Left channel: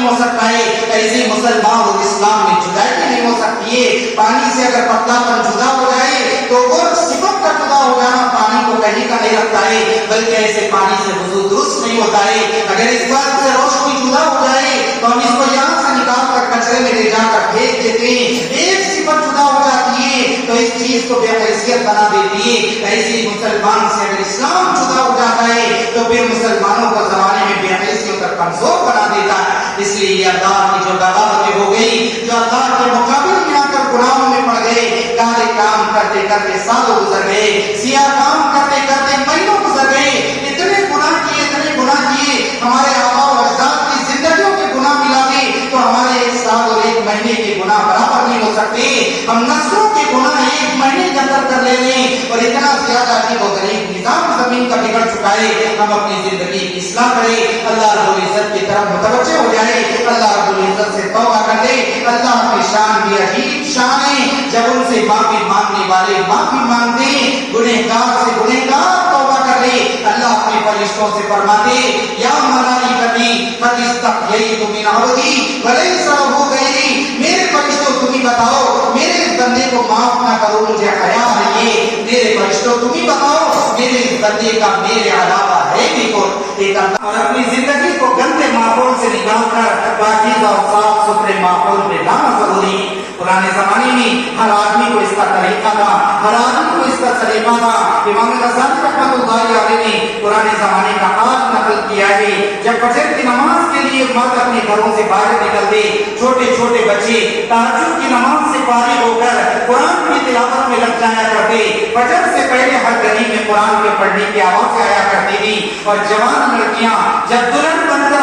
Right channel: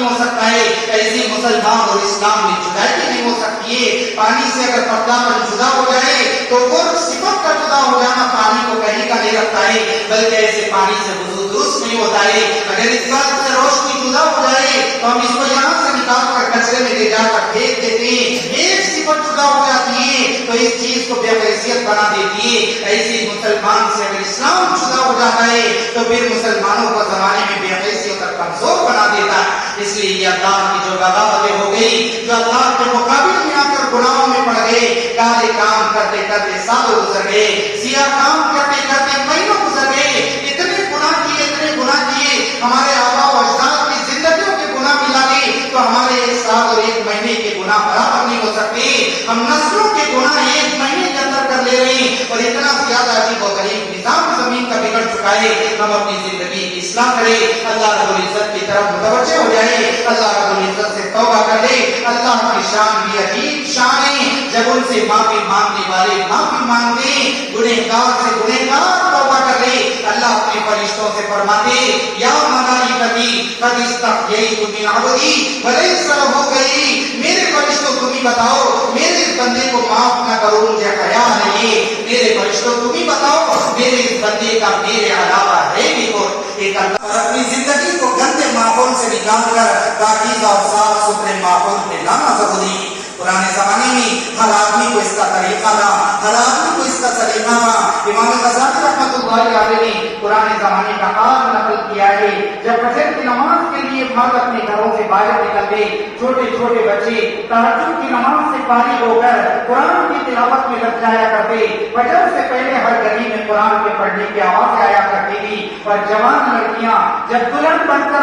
نہیں ہو سکتا ہے، ایسے مسلمان اور اسلام میں جدائی نہیں ہو سکتی ہے۔ پانی سے اگر پتلا پن جدا ہو جائے تو وہ صفت کا جدا ہو جانا پانی کو کہیں کا نہیں رکھتا ہے، بلکہ ایسے پانی سے وضو درست نہیں ہوتا ہے۔ اگر اس بات سے روشنی جدا ہو جائے تو ہم اس کو یہاں سے نکال کر کچرے میں لے جا کر پھینک دیتے ہیں، ایک صفت جدا ہو جاتی ہے تو اس چیز کو بے حیثیت بنا دیتی ہے۔ ایسے ہی مسلمان سے اگر اسلام جدا ہو جاتا ہے تو پھر مسلمانوں کو زمانے میں بے حیثیت اور کمزور بنا دیتا ہے۔ اس لیے یہ اللہ کی جو بغاوتیں ہو گئی، جو اللہ کے مقابل میں آ کر گناہوں میں پڑ گئے، کالے کام کرتے کرتے سالوں گزر گئے، سیاہ کام کرتے کرتے مہینوں گزر گئے، اتنے گناہ کیے، ہمارے آبا و اجداد کی زندگیوں کے گناہ ملا کے تو ہمارے ایک سال اور ایک مہینے کے گناہ برابر نہیں ہو سکتے۔ ہم نسلوں کے گناہ ایک مہینے کے اندر کر لے رہے ہیں اور اتنا زیادہ عجیب و غریب نظام زمین کا بگڑ چکا ہے۔ ہم اپنی زندگی کی اصلاح کریں، اللہ رب العزت کی طرف متوجہ ہو جائے، اللہ رب العزت سے توبہ کر دے۔ اللہ کی شان بھی عجیب شان ہے، جب ان سے معافی مانگنے والے معافی مانگتے ہیں، گنہگار سے گنہگار توبہ کر لے۔ اللہ اپنے فرشتوں سے فرماتے یا ملائکتی قد استحییت من عبدی ولیس لہ غیری، میرے فرشتوں تم ہی بتاؤ میرے اس بندے کو معاف نہ کرو، مجھے حیا نہیں، میرے فرشتوں تم ہی بتاؤ میرے اس بندے کا میرے علاوہ ہے بھی کوئی۔ اور اپنی زندگی کو گندے ماحول سے نکال کر پاکیزہ اور صاف ستھرے ماحول میں لانا ضروری ہے۔ پرانے زمانے میں ہر آدمی کو اس کا طریقہ تھا، ہر آدمی کو اس کا سلیقہ تھا۔ امام غزالی رحمۃ اللہ علیہ نے پرانے زمانے کا حال نقل کیا ہے، جب فجر کی نماز کے لیے مرد اپنے گھروں سے باہر نکلتے، چھوٹے چھوٹے بچے تہجد کی نماز سے فارغ ہو کر قرآن کی تلاوت میں لگ جایا کرتے۔ فجر سے پہلے ہر گلی میں قرآن کے پڑھنے کی آوازیں آیا کرتی تھی، اور جوان لڑکیاں جب دلہن بن کر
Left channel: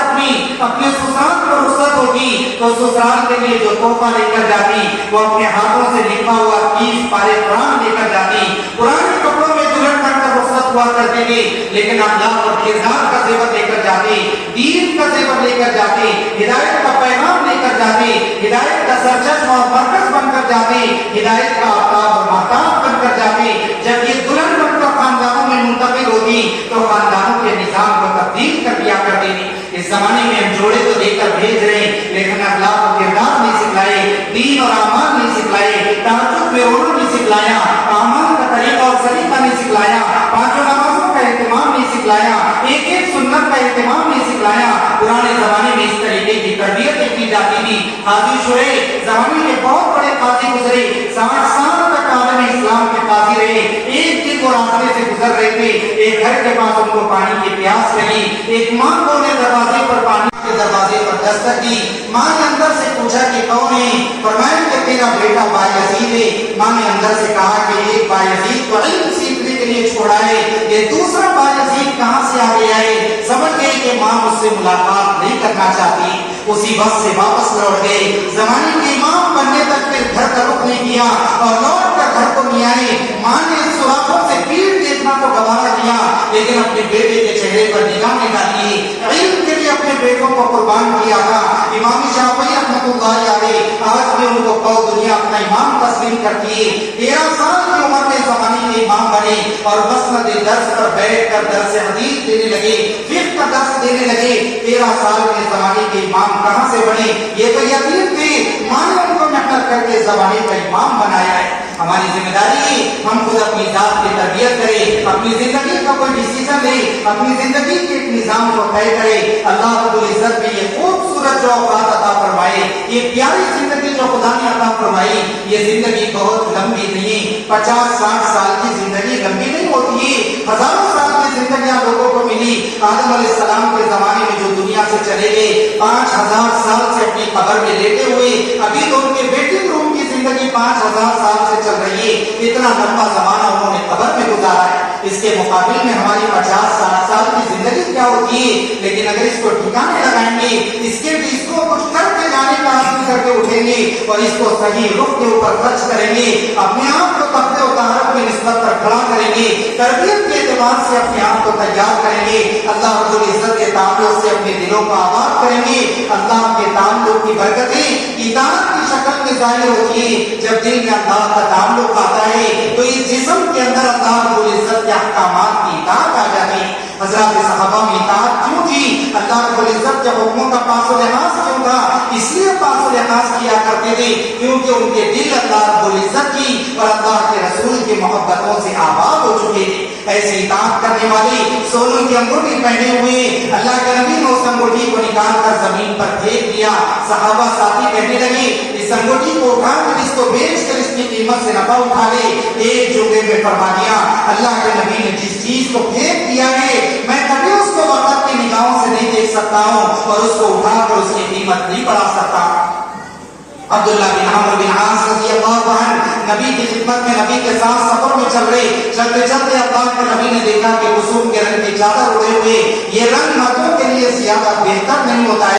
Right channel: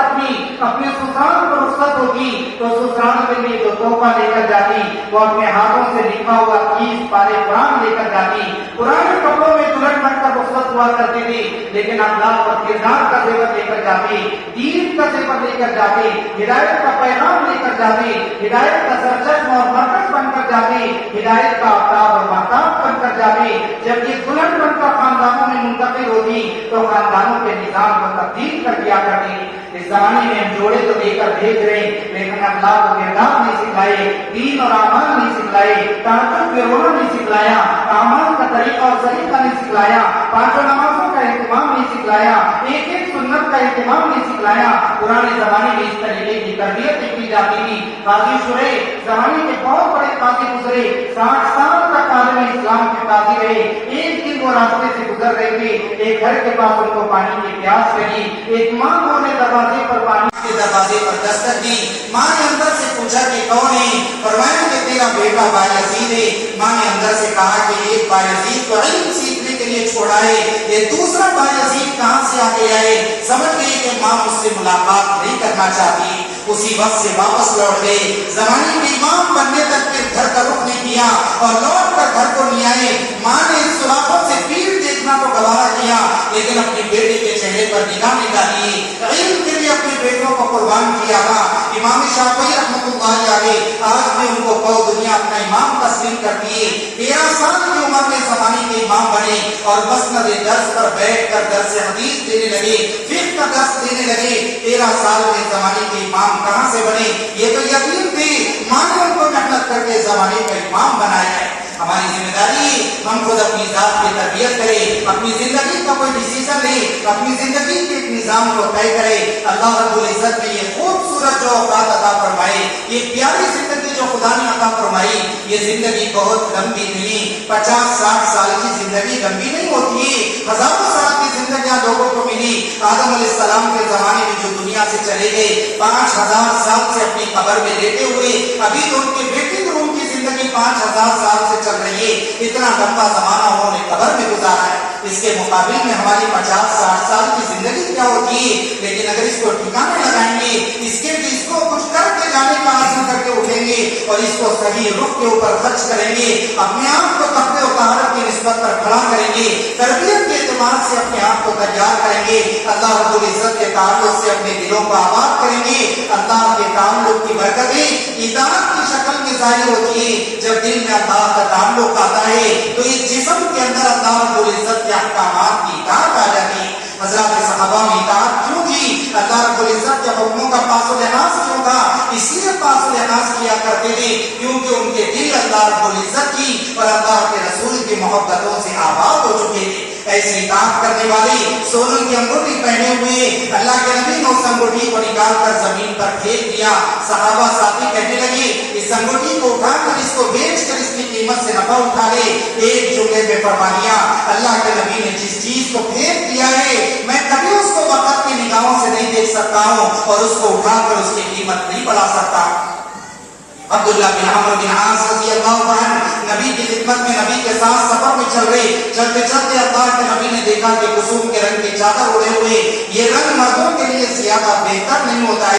اپنے سسرال پر رخصت ہوتی تو سسرال کے لیے جو تحفہ لے کر جاتی وہ اپنے ہاتھوں سے لکھا ہوا 30 پارے قرآن لے کر جاتی۔ پرانے کپڑوں میں دلہن بن کر رخصت ہوا کرتی تھی، لیکن اخلاق اور کردار کا زیور لے کر جاتی، دین کا زیور لے کر جاتی، ہدایت کا پیغام لے کر جاتی، ہدایت کا سرچشمہ اور مرکز بن کر جاتی، ہدایت کا آفتاب اور مہتاب بن کر جاتی۔ جب یہ دلہن بن کر خاندانوں میں منتقل ہوتی تو خاندانوں کے نظام کو تبدیل کر دیا کرتی تھی۔ اس زمانے میں ہم جوڑے تو دے کر بھیج رہے ہیں، لیکن اخلاق و کردار نہیں سکھلائے، دین اور اعمال نہیں سکھلائے، تہجد میں رونا نہیں سکھلایا، اعمال کا طریقہ اور سلیقہ نہیں سکھلایا، پانچوں نمازوں کا اہتمام نہیں سکھلایا، ایک ایک سنت کا اہتمام نہیں سکھلایا۔ پرانے زمانے میں اس طریقے کی تربیت کی جاتی تھی۔ قاضی شریف زمانے کے بہت بڑے قاضی گزرے، 60 سال تک عالم اسلام کے قاضی رہے۔ ایک دن وہ راستے سے گزر رہے تھے، ایک گھر کے پاس ان کو پانی کی پیاس لگی، ایک ماں کو نے دروازے پر پانی کے دروازے پر دستک دی۔ ماں نے اندر سے پوچھا کہ کون ہے؟ فرمایا کہ تیرا بیٹا بایزید ہے۔ ماں نے اندر سے کہا کہ ایک بایزید تو علم سیکھنے کے لیے چھوڑا ہے، یہ دوسرا بایزید کہاں سے آ گیا ہے؟ سمجھ گئی کہ ماں مجھ سے ملاقات نہیں کرنا چاہتی، اسی وقت سے واپس لوٹ گئی۔ زمانے کے امام بننے تک پھر گھر کا رخ نہیں کیا اور لوٹ کر گھر کو نہیں آئے۔ ماں نے سوراخوں سے پیٹ دیکھنا تو گوارا کیا، لیکن اپنے بیٹے کے چہرے پر نگاہ نہیں ڈالی، علم کے لیے اپنے بیٹوں کو قربان کیا تھا۔ امام شافعی رحمۃ اللہ علیہ آج بھی ان کو پوری دنیا اپنا امام تسلیم کرتی ہے۔ 13 سال کی عمر میں زمانے کے امام بنے اور مسند درس پر بیٹھ کر درس حدیث دینے لگے، فقہ کا درس دینے لگے۔ 13 سال کے زمانے کے امام کہاں سے بنے؟ یہ تو یقین تھی، ماں نے ان کو محنت کر کے زمانے کا امام بنایا ہے۔ ہماری ذمہ داری ہم خود اپنی ذات کی تربیت کریں، اپنی زندگی کا کوئی ڈیسیزن لیں، اپنی زندگی کے ایک نظام کو طے کریں۔ اللہ رب العزت نے یہ خوبصورت جو اوقات عطا فرمائے، یہ پیاری زندگی جو خدا نے عطا فرمائی، یہ زندگی بہت لمبی نہیں، 50-60 سال کی زندگی لمبی نہیں ہوتی ہے، ہزاروں سال کی زندگیاں لوگوں کو ملی۔ آدم علیہ السلام کے زمانے میں جو دنیا سے چلے گئے، 5000 سال سے اپنی قبر میں لیٹے ہوئے، ابھی تو ان کے ویٹنگ روم کی زندگی 5000 سال سے چل رہی ہے۔ اتنا لمبا زمانہ انہوں نے قبر میں گزارا ہے، اس کے مقابل میں ہماری 50-60 سال کی زندگی کیا ہوتی ہے؟ لیکن اگر اس کو ٹھکانے لگائیں گے، اس کو کچھ کر کے لانے کا حاصل کر کے اٹھیں گے اور اس کو صحیح رخ کے اوپر خرچ کریں گے، اپنے آپ کو تقوی و طہارت کی نسبت پر کھڑا کریں گے، تربیت کے اعتبار سے اپنے آپ کو تیار کریں گے، اللہ رب العزت کے تعلق سے اپنے دلوں کو آباد کریں گے۔ اللہ کے تعلق کی برکتیں اطاعت کی شکل میں ظاہر ہوتی ہے۔ جب دل میں اللہ کا تعلق آتا ہے تو اس جسم کے اندر اللہ رب العزت کے احکامات کی اطاعت آ جاتی ہے۔ حضرات صحابہ میں اطاعت کیوں تھی؟ اللہ رب العزت جب حکموں کا پاس و لحاظ کیوں تھا؟ اس لیے فاصلے خاص کیا کرتے تھے کیونکہ ان کے دل اللہ رب العزت کی اور اللہ کے رسول کی محبتوں سے آباد ہو چکے تھے. ایسی اطاعت کرنے والے سونے کی انگوٹھی پہنے ہوئے اللہ کے نبی نے اس انگوٹھی کو نکال کر زمین پر پھینک دیا. صحابہ ساتھی کہنے لگے اس انگوٹھی کو اٹھا کر اس کو بیچ کر اس کی قیمت سے نفع اٹھا لے. ایک جملے میں فرما دیا اللہ کے نبی نے جس چیز کو پھینک دیا ہے میں کبھی اس کو وقت کی نگاہوں سے نہیں دیکھ سکتا ہوں اور اس کو اٹھا کر اس کی قیمت نہیں بڑھا سکتا. عبداللہ بن عمرو بن عاص رضی اللہ عنہ نبی کی خدمت میں نبی کے ساتھ سفر میں چل رہے چلتے چلتے اللہ کے نبی نے دیکھا کہ کسوف کے رنگ کی چادر اڑے ہوئے. یہ رنگ مردوں کے لیے زیادہ بہتر نہیں ہوتا ہے.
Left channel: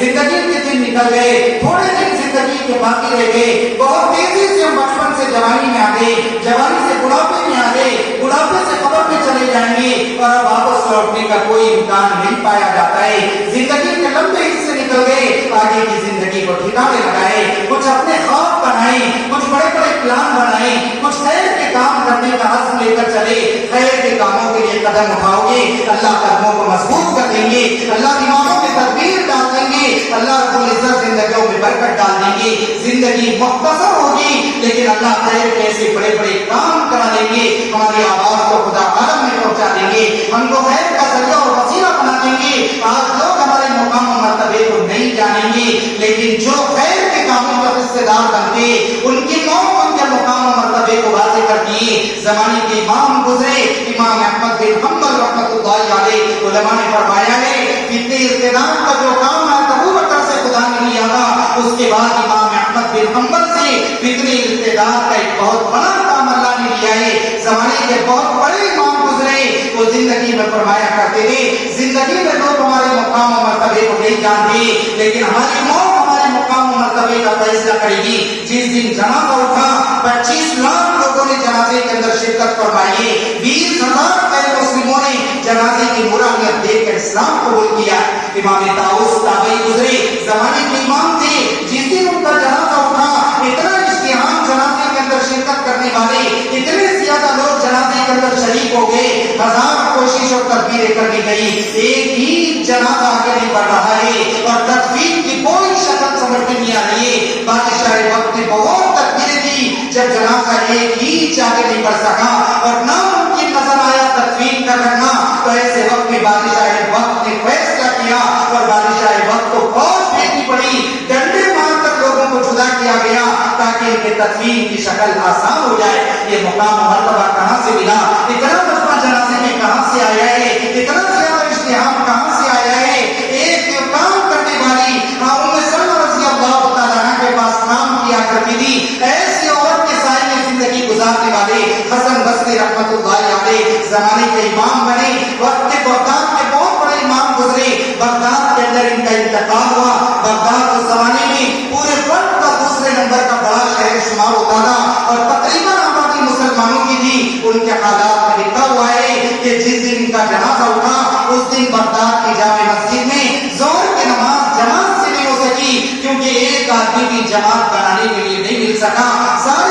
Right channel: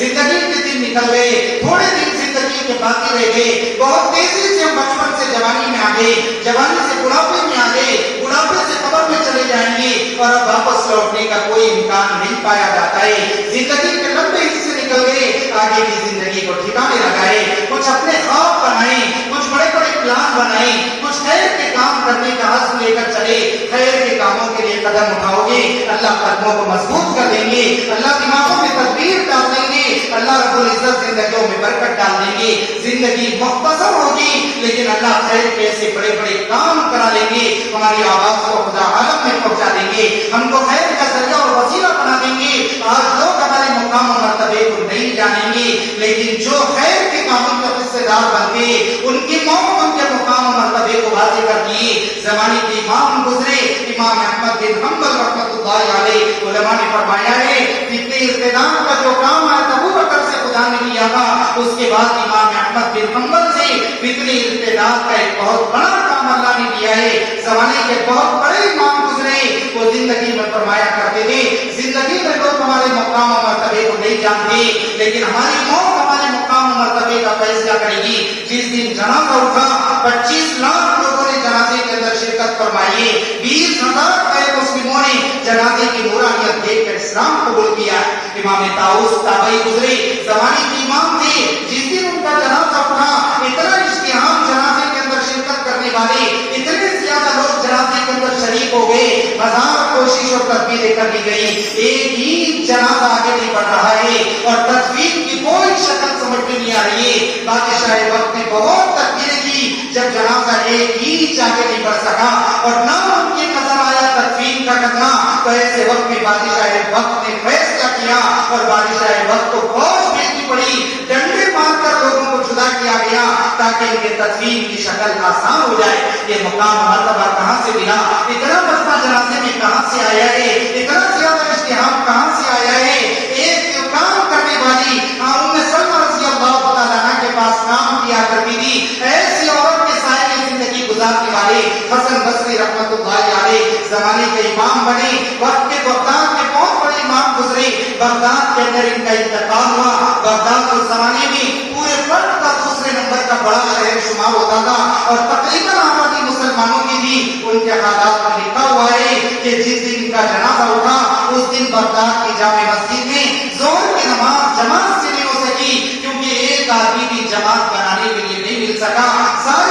زندگی کے دن نکل گئے, تھوڑے دن زندگی کے باقی رہ گئے. بہت تیزی سے بچپن سے جوانی میں آ گئے, جوانی سے بڑھاپے میں آ گئے, بڑھاپے سے قبر میں چلے جائیں گے اور اب واپس لوٹنے کا کوئی امکان نہیں پایا جاتا ہے. زندگی کے لمبے حصے نکل گئے, آگے کی زندگی کو ٹھکانے لگائے, کچھ اپنے خواب بنائے, کچھ بڑے بڑے پلان بنائے, کچھ خیر کے کام کرنے کا عزم لے کر چلے. خیر کے کاموں کے لیے قدم اٹھاؤ گے, اللہ قدموں کو مضبوط کر دیں گے, اللہ دماغوں میں تدبیر ڈال دیں گے, اللہ رب العزت زندگیوں میں برکت ڈال دیں گے. زندگی مختصر ہوگی لیکن اللہ خیر کے ایسے بڑے بڑے کام کرا دیں گے, ہماری آواز کو خدا عالم میں پہنچا دیں گے, ہم کو خیر کا ذریعہ اور وسیلہ بنا دیں گے. آج لوگ ہمارے مقام و مرتبے کو نہیں جانیں گے لیکن جو خیر کے کاموں کا حصے دار بن گئے ان کی موت ان کے مقام و مرتبے کو واضح کر دیے. زمانے کے امام گزرے امام احمد بن حنبل رحمۃ اللہ علیہ, علماء نے فرمایا ہے فتنہ ارتداد کا جو کام ابو بکر سے خدا نے لیا تھا اس کے بعد امام احمد بن حنبل سے فتنہ ارتداد کا ایک بہت بڑا کام اللہ نے لیا ہے. زمانے کے بہت بڑے امام گزرے, وہ زندگی میں فرمایا کرتے تھے زندگی میں لوگ ہمارے مقام و مرتبے کو نہیں جانتے لیکن ہماری موت ہمارے مقام و مرتبے کا فیصلہ کرے گی. جس دن جنازہ اٹھا 25 لاکھ لوگوں نے جنازے کے اندر شرکت فرمائی ہے, 20,000 غیر مسلموں نے جنازے کی نورانیت دیکھ کر اسلام قبول کیا. امام طاؤس تابعی گزرے, زمانے کے امام تھے, جس دن ان کا جنازہ اٹھا اتنا اشتہام جنازے کے اندر شرکت کرنے والے اتنے زیادہ لوگ جنازے کے اندر شریک ہو گئے, 1000 کوششوں تدبیریں کر دی گئی, ایک ہی جنازہ آگے نہیں بڑھ رہا ہے اور تدبیر کی کوئی شکل سمجھ میں نہیں آ رہی ہے. بادشاہ وقت نے بہت تدبیریں کی, جب جنازہ ایک ہی آگے نہیں بڑھ سکا اور نہ ان کی نظر آیا تدبیر کا کرنا تو ایسے وقت میں بادشاہ وقت نے فیصلہ کیا اور بادشاہ وقت کو فوج بھیجنی پڑی, ڈنڈے مار کر لوگوں کو جدا کیا گیا تاکہ ان کے تدبیر کی شکل آسان ہو جائے. یہ مقام مرتبہ کہاں سے ملا, اتنا مسئلہ جنازے میں کہاں سے آیا ہے, اتنا زیادہ اشتہام کہاں سے آیا ہے. ایک کام کرنے والی ام سلمہ رضی اللہ تعالیٰ عنہ کے پاس کام کیا کرتی تھی, ایسی عورت کے سائے میں زندگی گزارنے والے حسن بصری رحمۃ اللہ علیہ زمانے کے امام بنے. وقت کے بغداد میں بہت بڑے امام گزرے, بغداد کے اندر ان کا انتقال ہوا. بغداد اس زمانے میں پورے ملک کا دوسرے نمبر کا بڑا شہر شمار ہوتا تھا اور تقریباً آبادی مسلمانوں کی تھی. ان کے حالات میں لکھا ہوا ہے کہ جس دن ان کا جنازہ اٹھا اس دن بغداد کی جامع مسجد میں ظہر کی نماز جماعت سے نہیں ہو سکی کیونکہ ایک آدمی بھی جماعت بنانے کے لیے نہیں مل سکا. سارے